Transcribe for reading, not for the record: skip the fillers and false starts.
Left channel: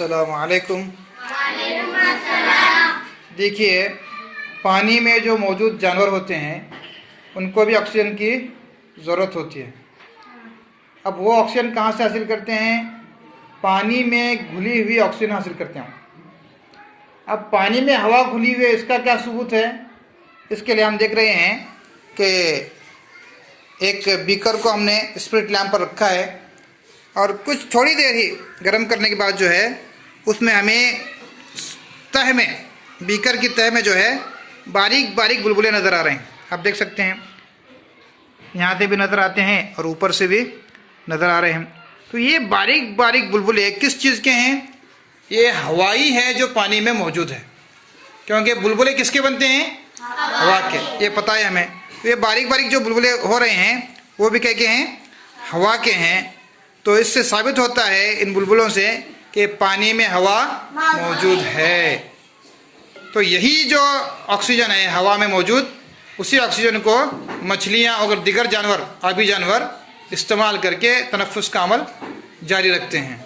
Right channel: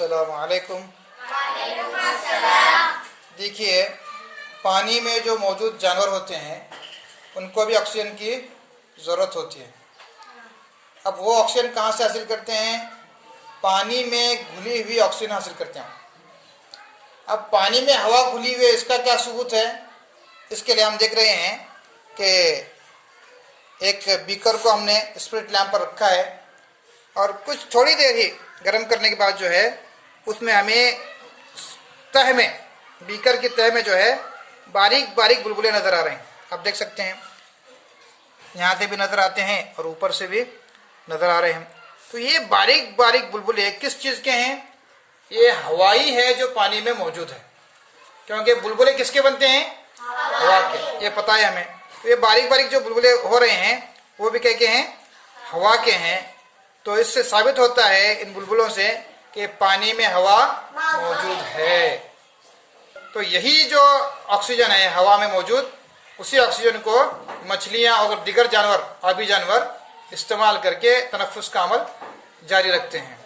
अस्सलामु अलैकुम। देखिए, पानी में जो मौजूद जानवर होते हैं उनको भी ऑक्सीजन की ज़रूरत होती है। अब वो ऑक्सीजन कहाँ से हासिल करते हैं? पानी में घुली हुई ऑक्सीजन हासिल करते हैं। अब पानी में हवा घुली हुई है, इसका क्या सबूत है? इसके लिए हम देख रहे हैं कि एक बीकर को हमने स्पिरिट लैंप पर रखा है और कुछ थोड़ी देर ही गर्म करने के बाद जो है उसमें हमें तह में, बीकर की तह में जो है बारीक बारीक बुलबुले नज़र आ रहे हैं। आप देख सकते हैं, यहाँ से भी नज़र आते हैं और ऊपर से भी नज़र आ रहे हैं। तो ये बारीक बारीक बुलबुले किस चीज़ के हैं? ये हवाई है जो पानी में मौजूद है, क्योंकि बुलबुले किसके बनते हैं? हवा के। ये पता है हमें। तो ये बारीक बारीक जो बुलबुले हो रहे हैं वो भी क्या के हैं? हवा के हैं। तो इससे साबित होता है इन बुलबुलों से कि पानी में हवा मौजूद है। तो यही जो ऑक्सीजन है हवा में मौजूद, उसी ऑक्सीजन को मछलियाँ और दीगर जानवर, आबी जानवर इस्तेमाल करके तनफ्फुस का अमल जारी रखते हैं।